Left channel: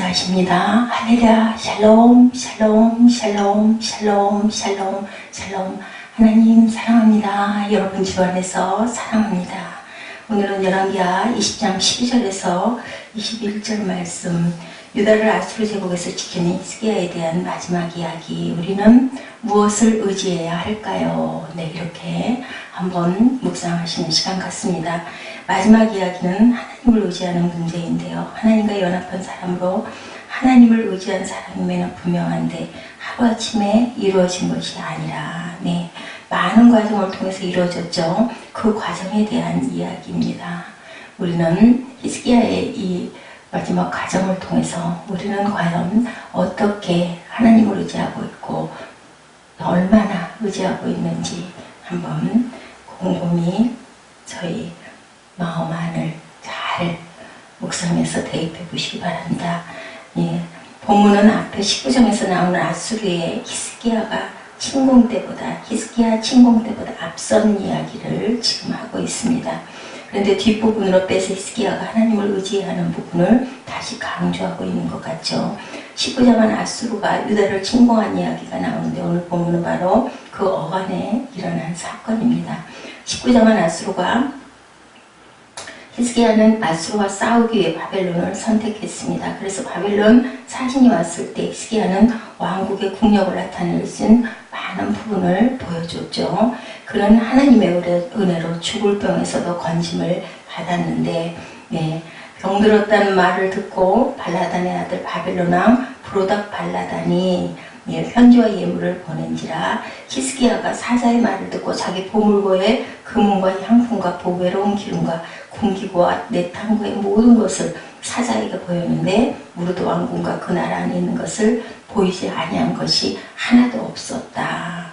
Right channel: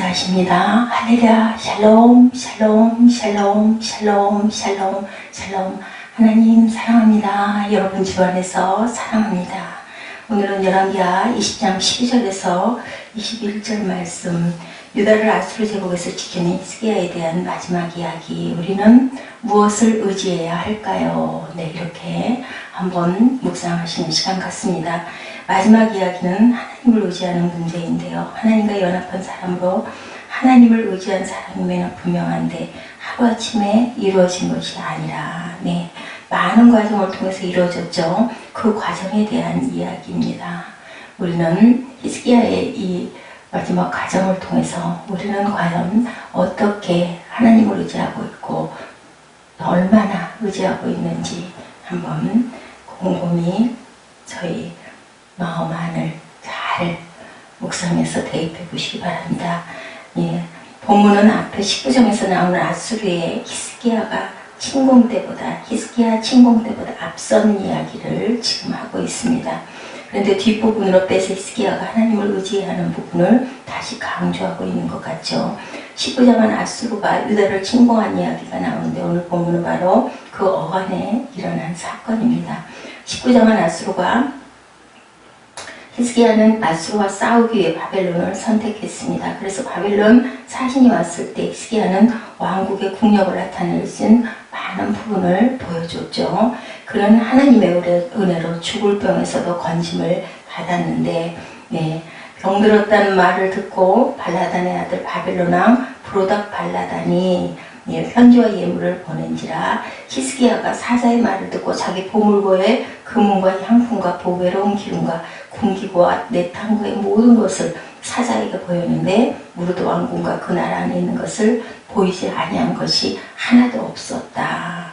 인사하십니다. 할렐루야, 샬롬, 샬롬, 샬롬, 샬롬, 샬롬, 샬롬. 하나님 사랑합니다. 여러분 주 안에서 사랑합니다. 오늘은 열왕기하 20장 12절에서 21절 말씀, 유다를 아수르 제국에서 지키는 히스기야에 대한 마지막 이야기, 우리는 무엇을 의지해야 할까요? 네, 이렇게 한번 묵상하시는 시간 같습니다. 마지막 이야기는 하나님을 의지하는 문제인데요. 하나님과 연합한 사람으로 하나님을 의지한 사람이면 분명한데 하루아침에 이루어진 것이 아니라 많은 과정을 통해서 이루어졌죠. 그 과정에 대한 이야기입니다. 우리는 히스기야의 이 마지막 과정을 통해서 우리는 과연 어떻게 하나님을 의지하고 있고 얼마나 의지하고 있는지 한번 곰곰이 저희 마음 안을 잘 묵상해서 대입해 보시기 바랍니다. 본문은 앞에 19장에서 나오는 아수르의 히스기야 침공 때보다 앞선 이야기를 지금 하고 있습니다. 그런데 뒷부분으로 빼서 히스기야가 하나님을 의지하는 부분을 다시 강조하고 있는 것 같죠. 19장은 아수르가 유다를 침공한 이야기가 나오는데 오늘 본문은 바로 그 어간에 일어난 사건입니다. 19장은 히스기야는 아수르와 싸우기 위해 바벨론을 선택했습니다. 그래서 바벨론 사신이 왔을 때 히스기야는 왕국의 국력을 나타낼 수 있는 많은 부분을 보여줬죠. 그는 하나님의 은혜로 죽을 병에서도 건짐을 받았는데 병들었다는 말을 듣고 발라단의 아들 바벨론 왕 브로닥 발라단이 편지와 예물을 보낸지라 히스기야가 사자의 말을 듣고 자기 보물고에 금은과 향품과 보배로운 기름과 군기구와 내탕구의 모든 것을 사자에게 보였는데 무르드 왕궁과 그 나라 안에 있는 것을 보이지 아니한 것이 하나도 없었다.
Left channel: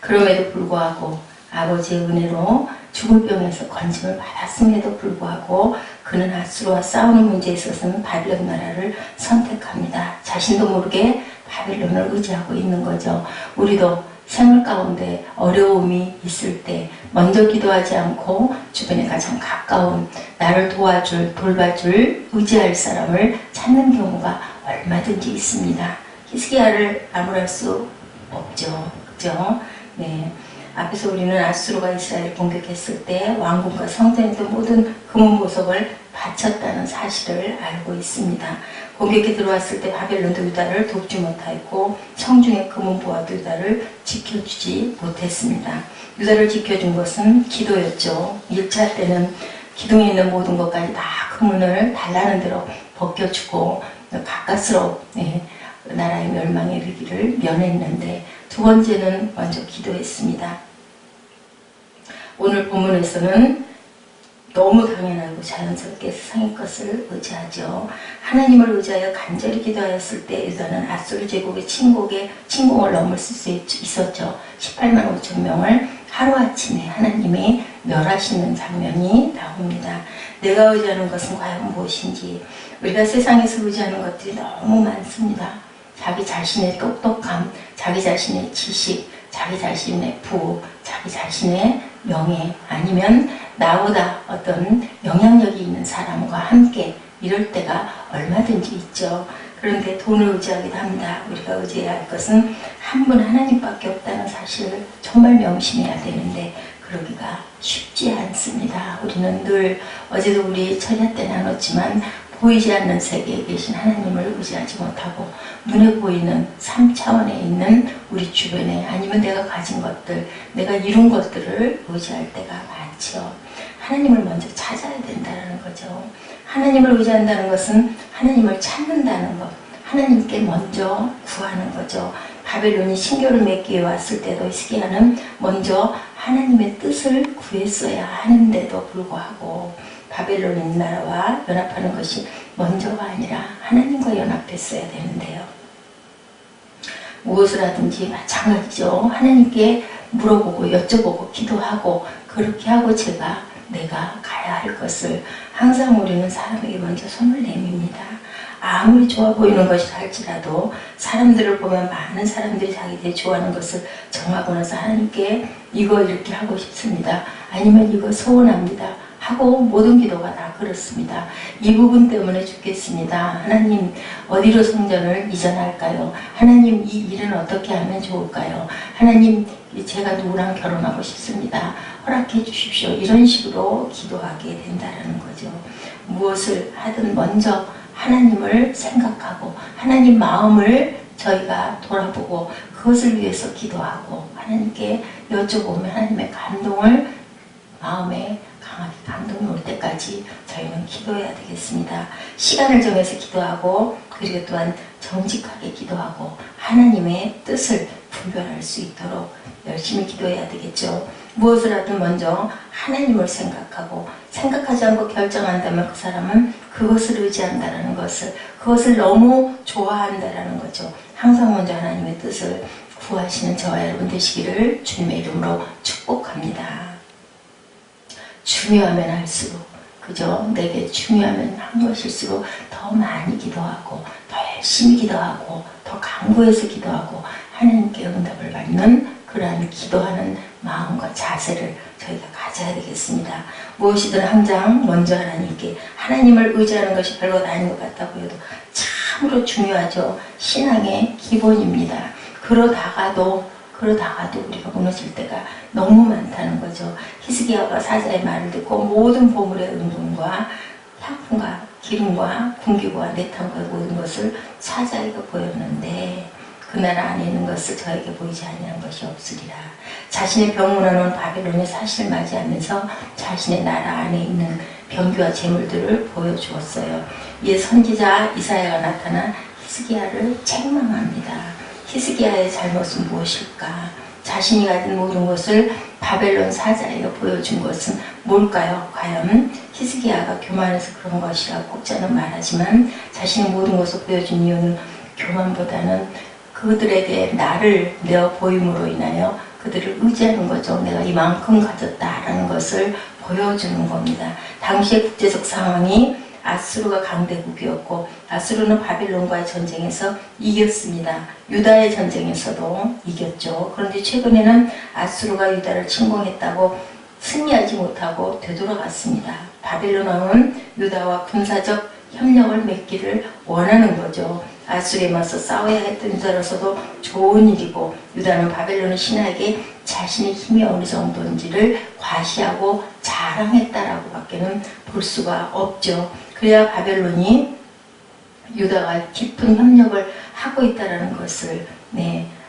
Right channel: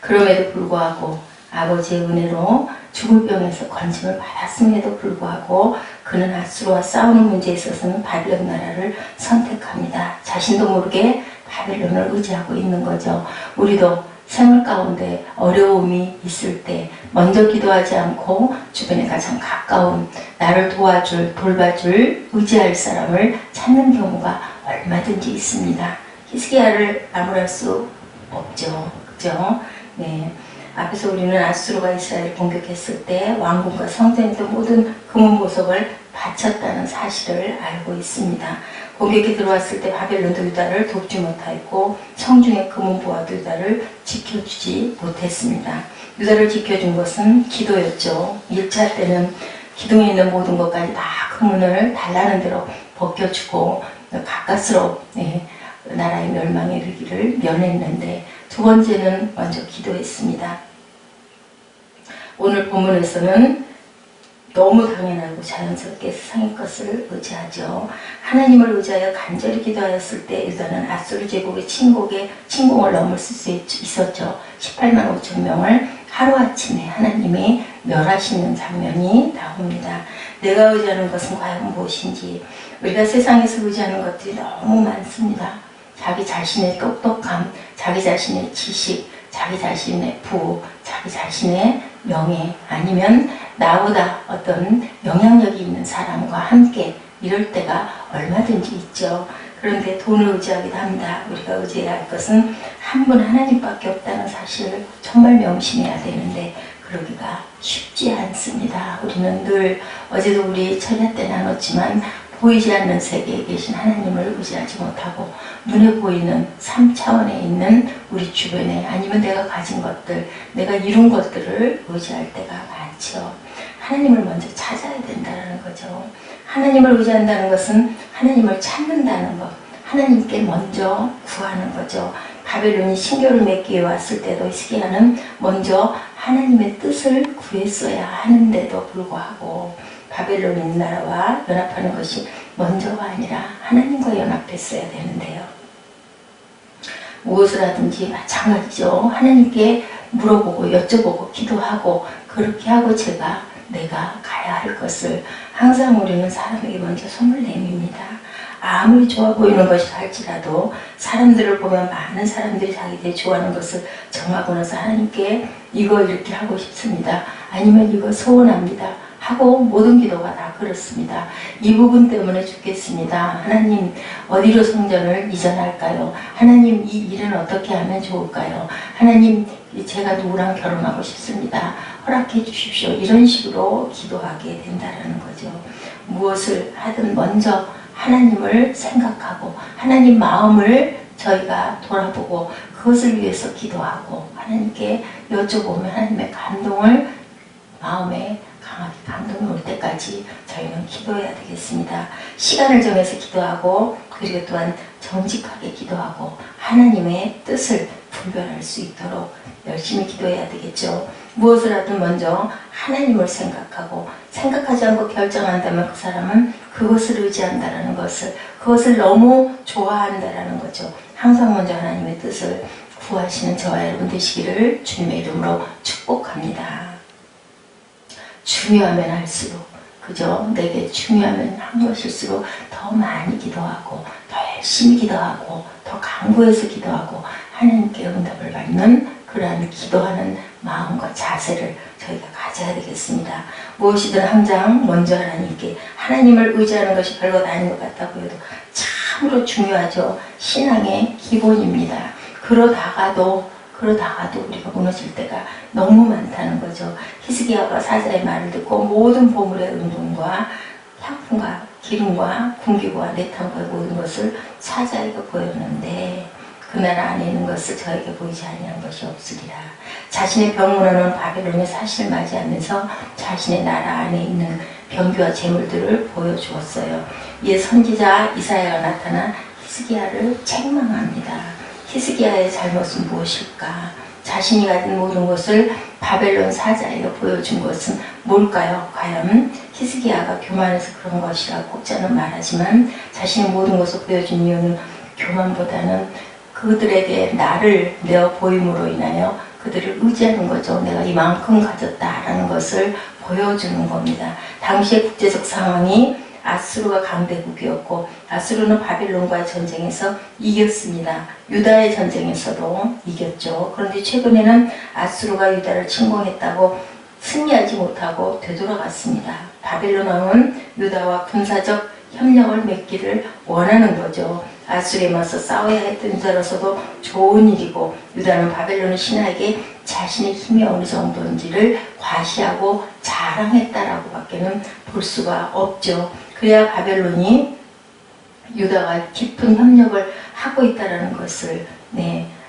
그럼에도 불구하고 아버지의 은혜로 죽을 병에서 건짐을 받았음에도 불구하고 그는 아수르와 싸우는 문제에 있어서는 바벨론 나라를 선택합니다. 자신도 모르게 바벨론을 의지하고 있는 거죠. 우리도 생활 가운데 어려움이 있을 때 먼저 기도하지 않고 주변에 가장 가까운 나를 도와줄, 돌봐줄, 의지할 사람을 찾는 경우가 얼마든지 있습니다. 히스기야를 나무랄 수 없죠. 그죠? 앞에서 우리는 아수르가 이스라엘을 공격했을 때 왕궁과 성전에도 모든 금은 보석을 바쳤다는 사실을 알고 있습니다. 공격이 들어왔을 때 바벨론도 유다를 돕지 못하였고 성중의 금은 보화도 유다를 지켜주지 못했습니다. 유다를 지켜준 것은 기도였죠. 1차 때는 기둥에 있는 모든 것까지 다 금은을 달라는 대로 벗겨주고 가까스로 나라의 멸망에 이르기를 면했는데 두 번째는 먼저 기도했습니다. 오늘 본문에서는 너무 당연하고 자연스럽게 세상의 것을 의지하죠. 하나님을 의지하여 간절히 기도하였을 때 유다는 아수르 제국의 침공을 넘을 수 있었죠. 18만 5천 명을 하루아침에 하나님이 멸하시는 장면이 나옵니다. 내가 의지하는 것은 과연 무엇인지, 우리가 세상에서 의지하는 것들이 너무 많습니다. 자기 자신의 똑똑함, 자기 자신의 지식, 자기 자신의 부호, 자기 자신의 명예, 아니면 나보다 어떤 영향력이 있는 사람과 함께 이럴 때가 얼마든지 있죠. 그런데 돈을 의지하기도 합니다. 우리가 의지해야 할 것은 한 분 하나님밖에 없다는 사실을 정말 명심해야 되는데 그러기가 쉽지 않습니다. 우리는 늘 어제도 우리 철야 때 나눴지만 보이지 않는 세계에 계신 하나님을 의지하지 못하고 눈에 보이는 3차원에 있는 우리 주변에 아니면 내가 가진 것들, 내가 이룬 것들을 의지할 때가 많죠. 하나님을 먼저 찾아야 된다는 거죠. 하나님을 의지한다는 것은 하나님을 찾는다는 것, 하나님께 먼저 구하는 거죠. 바벨론이 신교를 맺기 위해 왔을 때도 히스기야는 먼저 하나님의 뜻을 구했어야 하는데도 불구하고 바벨론 나라와 연합하는 것이 먼저가 아니라 하나님과 연합했어야 되는데요. 무엇을 하든지 마찬가지죠. 하나님께 물어보고 여쭤보고 기도하고 그렇게 하고 내가 가야 할 것을 항상 우리는 사람에게 먼저 손을 내밉니다. 아무리 좋아 보이는 것이 할지라도 사람들을 보면 많은 사람들이 자기들이 좋아하는 것을 정하고 나서 하나님께 이거 이렇게 하고 싶습니다. 아니면 이거 소원합니다. 하고 모든 기도가 다 그렇습니다. 이 부분 때문에 죽겠습니다. 하나님 어디로 성전을 이전할까요? 하나님 이 일은 어떻게 하면 좋을까요? 하나님 제가 누구랑 결혼하고 싶습니다. 허락해 주십시오. 이런 식으로 기도하게 된다는 거죠. 무엇을 하든 먼저 하나님을 생각하고 하나님 마음을 저희가 돌아보고 그것을 위해서 기도하고 하나님께 여쭤보면 하나님의 감동을 마음에 강하게 감동이 올 때까지 저희는 기도해야 되겠습니다. 시간을 정해서 기도하고 그리고 또한 정직하게 기도하고 하나님의 뜻을 분별할 수 있도록 열심히 기도해야 되겠죠. 무엇을 하든 먼저 하나님을 생각하고 생각하지 않고 결정한다면 그 사람은 그것을 의지한다는 것을 그것을 너무 좋아한다는 거죠. 항상 먼저 하나님의 뜻을 구하시는 저와 여러분 되시기를 주님의 이름으로 축복합니다. 중요하면 할수록 그죠? 내게 중요하면 한 것일수록 더 많이 기도하고 더 열심히 기도하고 더 간구해서 기도하고 하나님께 응답을 받는 그러한 기도하는 마음과 자세를 저희가 가져야 되겠습니다. 무엇이든 항상 먼저 하나님을 의지하는 것이 별것 아닌 것 같다 보여도 참으로 중요하죠. 신앙의 기본입니다. 그러다가도 우리가 무너질 때가 너무 많다는 거죠. 히스기야가 사자의 말을 듣고 모든 보물의 은금과 향품과 기름과 궁기구와 내탐과 모든 것을 사자에게 보였는데 그 나라 안에 있는 것을 저에게 보이지 아니한 것이 없으리라. 자신의 병문안은 바벨론의 사실을 맞이하면서 자신의 나라 안에 있는 병기와 재물들을 보여주었어요. 이에 선지자 이사야가 나타나 히스기야를 책망합니다. 히스기야의 잘못은 무엇일까? 자신이 가진 모든 것을 바벨론 사자에게 보여준 것은 뭘까요? 과연 히스기야가 교만해서 그런 것이라고 저는 말하지만 자신의 모든 것을 보여준 이유는 교만보다는 그들에게 나를 내어 보임으로 인하여 그들을 의지하는 거죠. 내가 이만큼 가졌다라는 것을 보여주는 겁니다. 당시의 국제적 상황이 아수르가 강대국이었고 아수르는 바벨론과의 전쟁에서 이겼습니다. 유다의 전쟁에서도 이겼죠. 그런데 최근에는 아수르가 유다를 침공했다고 승리하지 못하고 되돌아갔습니다. 바벨론 왕은 유다와 군사적 협력을 맺기를 원하는 거죠. 아수르에 맞서 싸워야 했던 유다로서도 좋은 일이고 유다는 바벨론 신하에게 자신의 힘이 어느 정도인지를 과시하고 자랑했다라고 밖에는 볼 수가 없죠. 그래야 바벨론이 유다와 깊은 협력을 하고 있다는 것을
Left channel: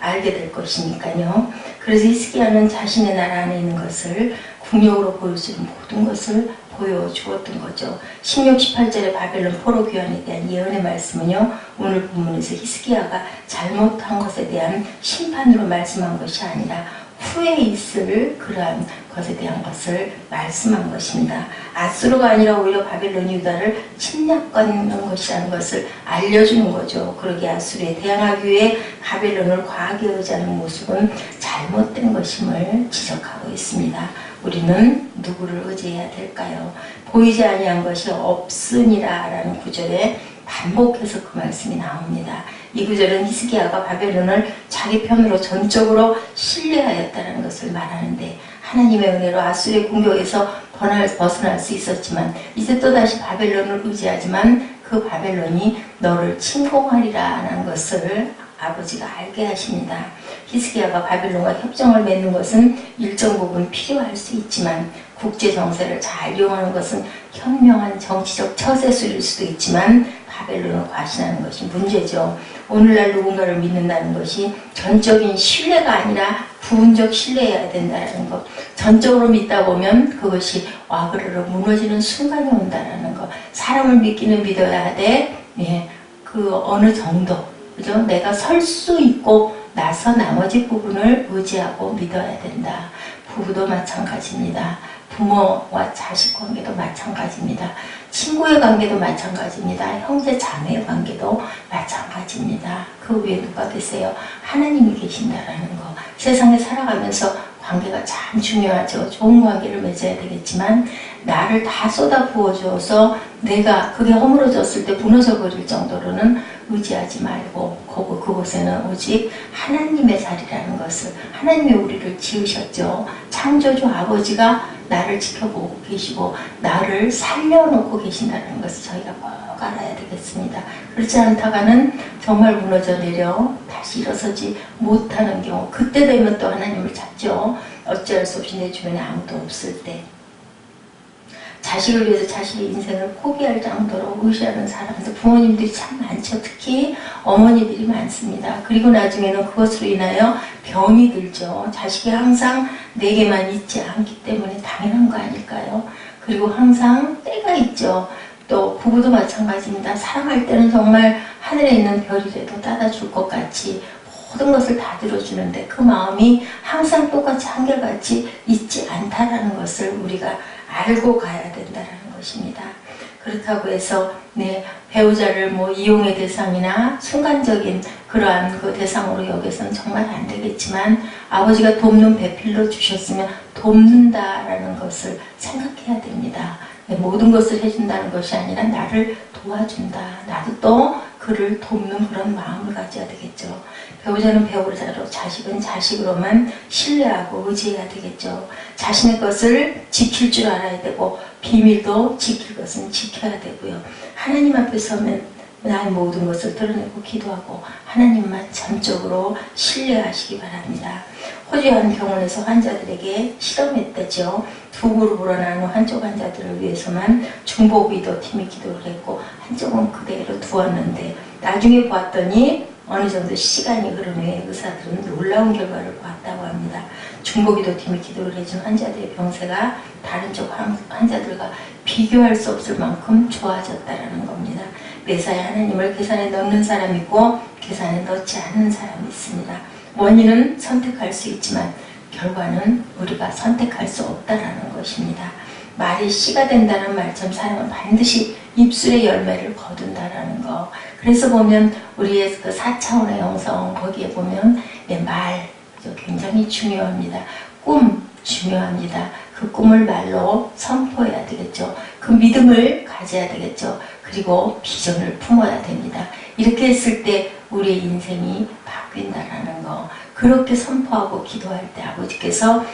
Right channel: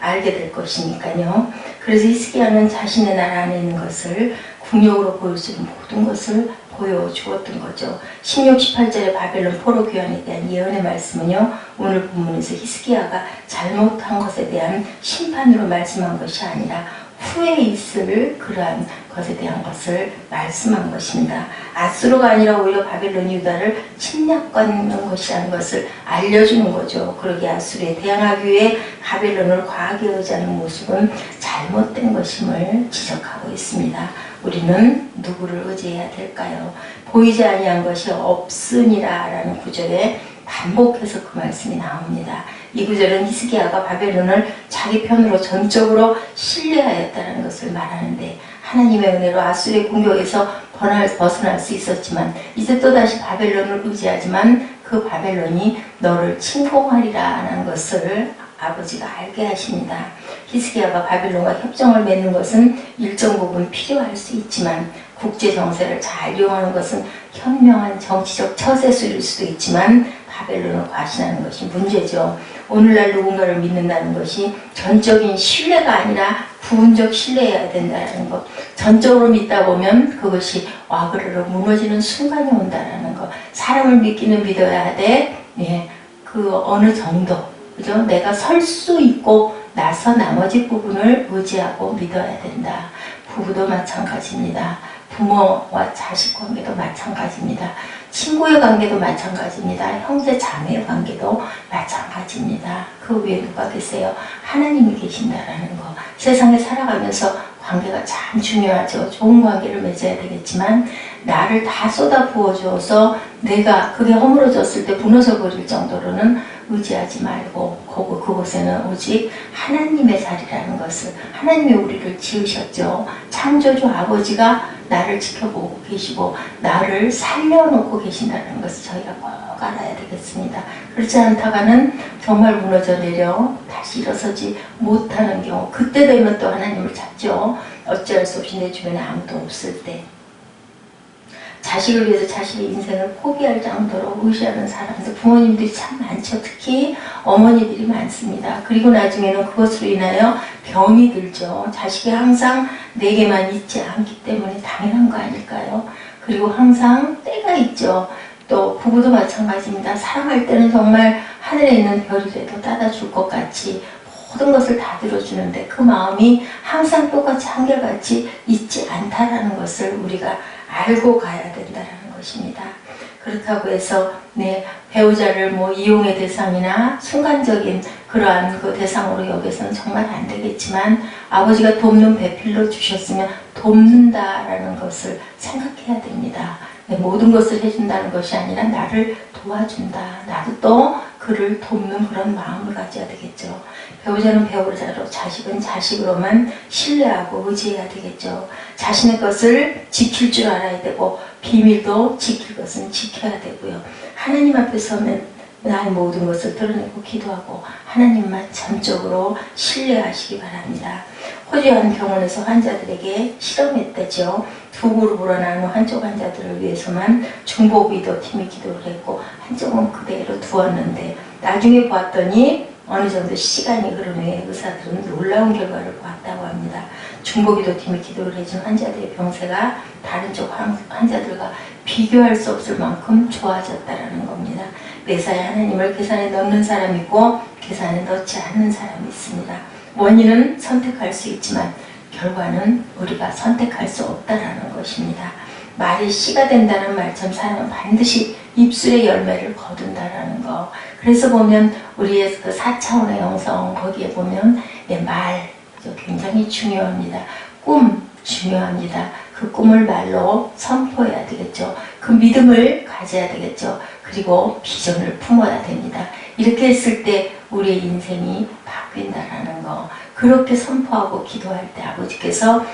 알게 될 것이니까요. 그래서 히스기야는 자신의 나라 안에 있는 것을 궁욕으로 보여주는 모든 것을 보여주었던 거죠. 16, 18절의 바벨론 포로 귀환에 대한 예언의 말씀은요. 오늘 본문에서 히스기야가 잘못한 것에 대한 심판으로 말씀한 것이 아니라 후에 있을 그러한 것에 대한 것을 말씀한 것입니다. 아수르가 아니라 오히려 바벨론이 유다를 침략하는 것이라는 것을 알려주는 거죠. 그러기에 아수르에 대항하기 위해 바벨론을 과하게 의지하는 모습은 잘못된 것임을 지적하고 있습니다. 우리는 누구를 의지해야 될까요? 보이지 아니한 것이 없으니라 라는 구절에 반복해서 그 말씀이 나옵니다. 이 구절은 히스기야가 바벨론을 자기 편으로 전적으로 신뢰하였다는 것을 말하는데 하나님의 은혜로 아수르의 공격에서 벗어날 수 있었지만 이제 또다시 바벨론을 의지하지만 그 바벨론이 너를 침공하리라 라는 것을 아버지가 알게 하십니다. 히스기야가 바벨론과 협정을 맺는 것은 일정 부분 필요할 수 있지만 국제 정세를 잘 이용하는 것은 현명한 정치적 처세술일 수도 있지만 바벨론을 과신하는 것이 문제죠. 오늘날 누군가를 믿는다는 것이 전적인 신뢰가 아니라 부분적 신뢰해야 된다는 것. 전적으로 믿다 보면 그것이 와그르르 무너지는 순간이 온다는 것. 사람을 믿기는 믿어야 하되 그 어느 정도 그죠? 내가 설 수 있고 나서 나머지 부분을 의지하고 믿어야 된다. 부부도 마찬가지입니다. 부모와 자식 관계도 마찬가지입니다. 친구의 관계도 마찬가지입니다. 형제 자매의 관계도 마찬가지입니다. 그 위에 누가 계세요? 하나님이 계신다라는 거. 세상에 살아가면서 관계가 참 중요하죠. 좋은 관계를 맺어야 되겠지만 나를 다 쏟아 부어주어서 내가 그게 허물어졌을 때 무너져 버릴 정도로는 의지하지 말고 그곳에는 오직 하나님의 자리라는 것을, 하나님이 우리를 지으셨죠. 창조주 아버지가 나를 지켜보고 계시고 나를 살려놓고 계신다는 것을 저희가 꼭 알아야 되겠습니다. 그렇지 않다가는 정말 무너져 내려 다시 일어서지 못하는 경우, 그때 되면 또 하나님을 찾죠. 어찌할 수 없이 내 주변에 아무도 없을 때, 자식을 위해서 자식의 인생을 포기할 정도로 의지하는 사람들, 부모님들이 참 많죠. 특히 어머니들이 많습니다. 그리고 나중에는 그것으로 인하여 병이 들죠. 자식이 항상 내게만 있지 않기 때문에 당연한 거 아닐까요? 그리고 항상 때가 있죠. 또 부부도 마찬가지입니다. 사랑할 때는 정말 하늘에 있는 별이라도 따다 줄 것 같이 모든 것을 다 들어주는데 그 마음이 항상 똑같이 한결같이 있지 않다라는 것을 우리가 알고 가야 된다는 것입니다. 그렇다고 해서 배우자를 이용의 대상이나 순간적인 그러한 그 대상으로 여기서는 정말 안 되겠지만, 아버지가 돕는 배필로 주셨으면 돕는다라는 것을 생각해야 됩니다. 모든 것을 해준다는 것이 아니라 나를 도와준다. 나도 또 그를 돕는 그런 마음을 가져야 되겠죠. 배우자는 배우자로, 자식은 자식으로만 신뢰하고 의지해야 되겠죠. 자신의 것을 지킬 줄 알아야 되고 비밀도 지킬 것은 지켜야 되고요. 하나님 앞에 서면 나의 모든 것을 드러내고 기도하고 하나님만 전적으로 신뢰하시기 바랍니다. 호주 한 병원에서 환자들에게 실험했다죠. 두 그룹으로 나눈 한쪽 환자들을 위해서만 중보기도 팀이 기도를 했고 한쪽은 그대로 두었는데, 나중에 봤더니 어느 정도 시간이 흐른 후에 의사들은 놀라운 결과를 보았다고 합니다. 중보기도 팀이 기도를 해준 환자들의 병세가 다른 쪽 환자들과 비교할 수 없을 만큼 좋아졌다는 겁니다. 매사에 하나님을 계산에 넣는 사람이 있고 계산에 넣지 않는 사람이 있습니다. 원인은 선택할 수 있지만 결과는 우리가 선택할 수 없다라는 것입니다. 말이 씨가 된다는 말처럼 사람은 반드시 입술의 열매를 거둔다라는 거. 그래서 보면 우리의 그 4차원의 영성, 거기에 보면 말 굉장히 중요합니다. 꿈 중요합니다. 그 꿈을 말로 선포해야 되겠죠. 그 믿음을 가져야 되겠죠. 그리고 비전을 품어야 됩니다. 이렇게 했을 때 우리의 인생이 바뀐다라는 거. 그렇게 선포하고 기도할 때 아버지께서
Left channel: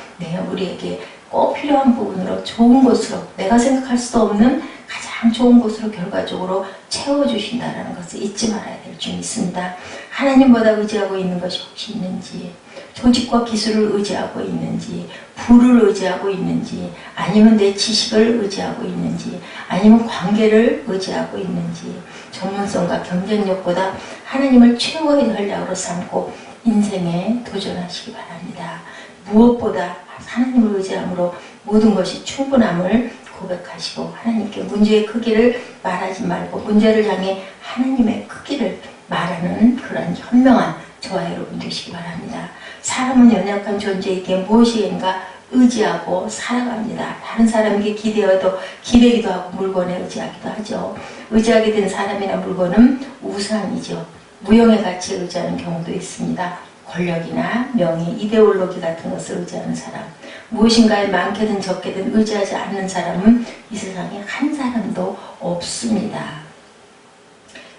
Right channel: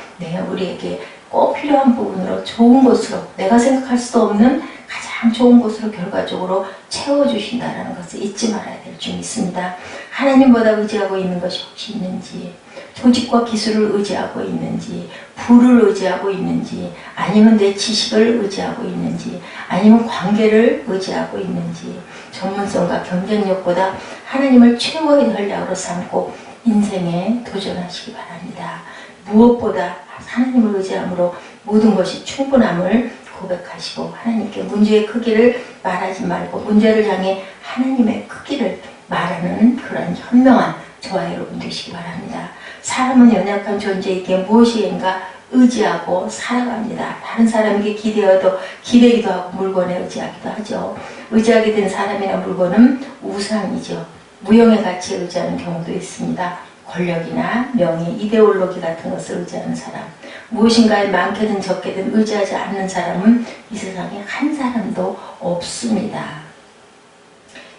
우리에게 꼭 필요한 부분으로 좋은 곳으로, 내가 생각할 수도 없는 가장 좋은 곳으로 결과적으로 채워주신다는 것을 잊지 말아야 될 점이 있습니다. 하나님보다 의지하고 있는 것이 혹시 있는지, 조직과 기술을 의지하고 있는지, 부를 의지하고 있는지, 아니면 내 지식을 의지하고 있는지, 아니면 관계를 의지하고 있는지, 전문성과 경쟁력보다 하나님을 최고의 전략으로 삼고 인생에 도전하시기 바랍니다. 무엇보다 하나님을 의지함으로 모든 것이 충분함을 고백하시고 하나님께 문제의 크기를 말하지 말고 문제를 향해 하나님의 크기를 말하는 그런 현명한 저와 여러분 되시기 바랍니다. 사람은 연약한 존재에게 무엇인가 의지하고 살아갑니다. 다른 사람에게 기대기도 하고 물건에 의지하기도 하죠. 의지하게 된 사람이나 물건은 우상이죠. 무형의 가치에 의지하는 경우도 있습니다. 권력이나 명예, 이데올로기 같은 것을 의지하는 사람, 무엇인가에 많게든 적게든 의지하지 않는 사람은 이 세상에 한 사람도 없습니다.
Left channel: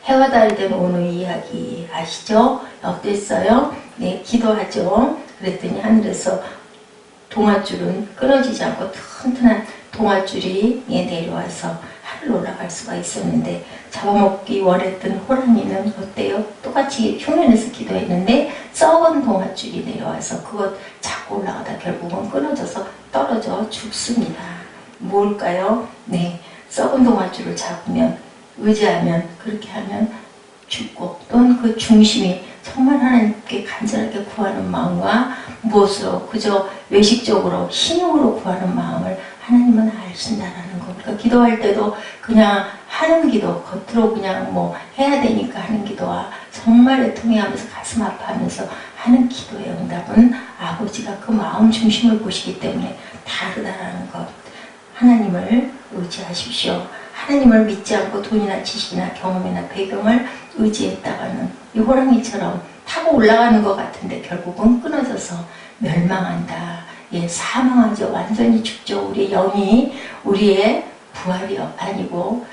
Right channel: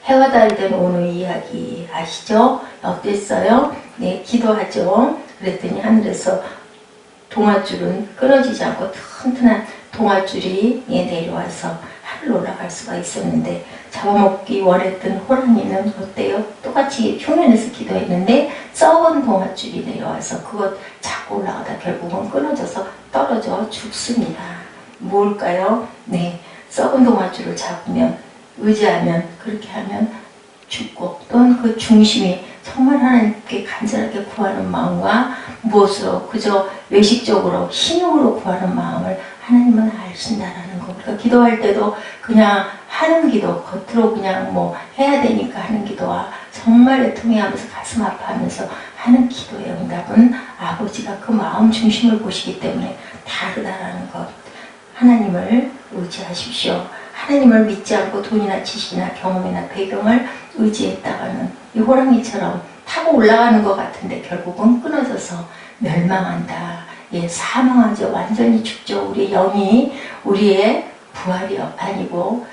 해와 달이 된 오늘 이야기 아시죠? 어땠어요? 기도하죠. 그랬더니 하늘에서 동아줄은 끊어지지 않고 튼튼한 동아줄이 내려와서 하늘로 올라갈 수가 있었는데, 잡아먹기 원했던 호랑이는 어때요? 똑같이 흉년에서 기도했는데 썩은 동아줄이 내려와서 그것 잡고 올라가다 결국은 끊어져서 떨어져 죽습니다. 뭘까요? 썩은 동아줄을 잡으면, 의지하면, 그렇게 하면 죽고, 또는 그 중심이 정말 하나님께 간절하게 구하는 마음과 무엇으로 그저 외식적으로 신용으로 구하는 마음을 하나님은 아신다라는 거. 그러니까 기도할 때도 그냥 하는 기도, 겉으로 그냥 해야 되니까 하는 기도와 정말 애통해하면서 가슴 아파하면서 하는 기도의 응답은 아버지가 그 마음 중심을 보시기 때문에 다르다라는 것. 하나님을 의지하십시오. 하나님을 믿지 않고 돈이나 지식이나 경험이나 배경을 의지했다가는 이 호랑이처럼 타고 올라가는 것 같은데 결국은 끊어져서 멸망한다. 예, 사망하죠. 완전히 죽죠. 우리의 영이 우리의 부활이 아니고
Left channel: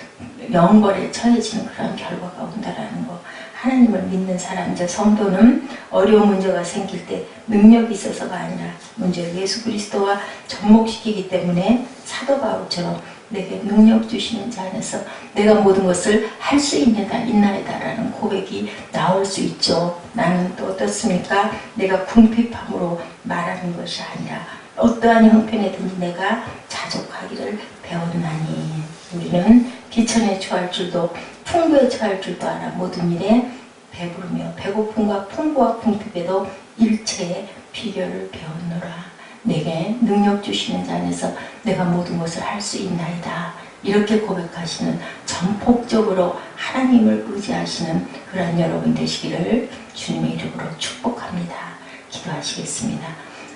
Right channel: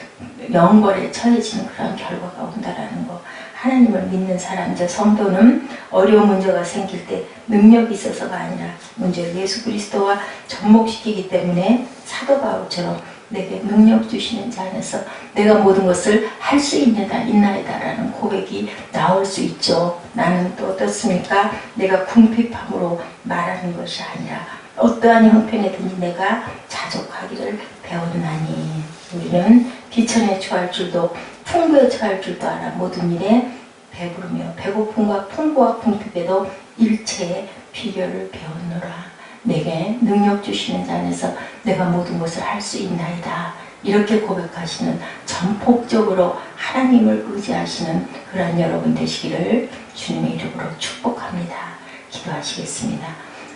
영벌에 처해지는 그런 결과가 온다라는 거. 하나님을 믿는 사람, 저 성도는 어려운 문제가 생길 때 능력이 있어서가 아니라 문제를 예수 그리스도와 접목시키기 때문에 사도 바울처럼 내게 능력 주시는 자 안에서 내가 모든 것을 할 수 있나이다라는 고백이 나올 수 있죠. 나는 또 어떻습니까? 내가 궁핍함으로 말하는 것이 아니라 어떠한 형편에든지 내가 자족하기를 배웠나니. 우리는 비천에 처할 줄도 풍부에 처할 줄도 알아 모든 일에 배부르며 배고픔과 풍부와 궁핍에도 일체의 비결을 배웠노라. 내게 능력 주시는 자 안에서 내가 모든 것을 할 수 있나이다. 이렇게 고백하시는 전폭적으로 하나님을 의지하시는 그러한 여러분 되시기를 주님의 이름으로 축복합니다. 기도하시겠습니다.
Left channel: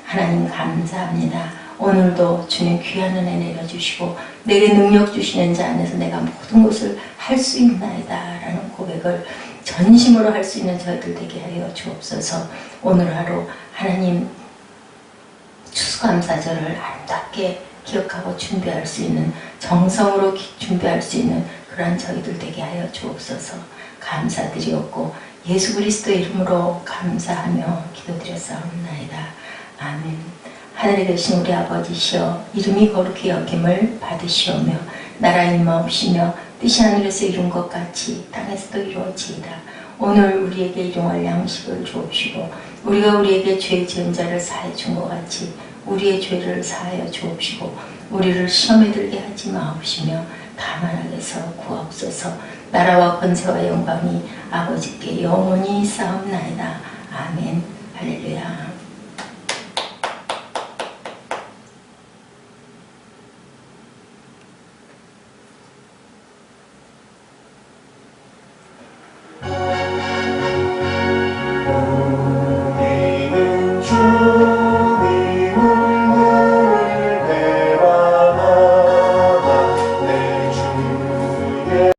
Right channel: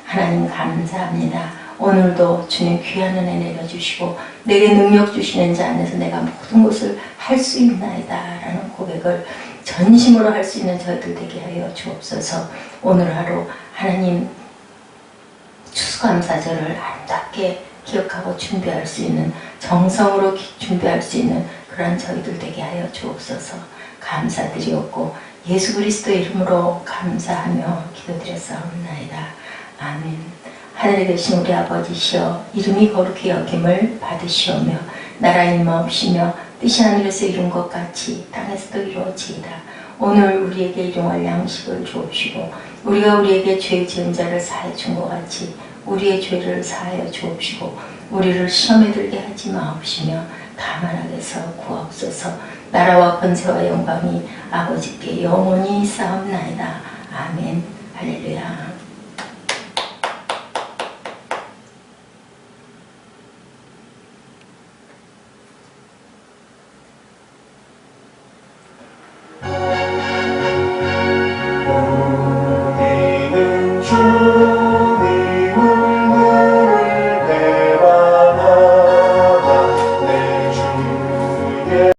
하나님 감사합니다. 오늘도 주님 귀한 은혜 내려주시고 내게 능력 주시는 자 안에서 내가 모든 것을 할 수 있나이다 라는 고백을 전심으로 할 수 있는 저희들 되게 하여 주옵소서. 오늘 하루 하나님 추수감사절을 아름답게 기억하고 준비할 수 있는, 정성으로 준비할 수 있는 그런 저희들 되게 하여 주옵소서. 감사드리옵고 예수 그리스도의 이름으로 감사하며 기도드렸사옵나이다. 아멘. 하늘에 계신 우리 아버지시여, 이름이 거룩히 여김을 받으시오며 나라 임하옵시며 뜻이 하늘에서 이룬 것 같이 땅에서도 이루어지이다. 오늘 우리에게 일용할 양식을 주옵시고 우리가 우리에게 죄 지은 자를 사해 준 것 같이 우리의 죄를 사하여 주옵시고 우리를 시험에 들게 하지 마옵시며 다만 악에서 구하옵소서. 나라와 권세와 영광이 아버지께 영원히 있사옵나이다. 아멘. 할렐루야.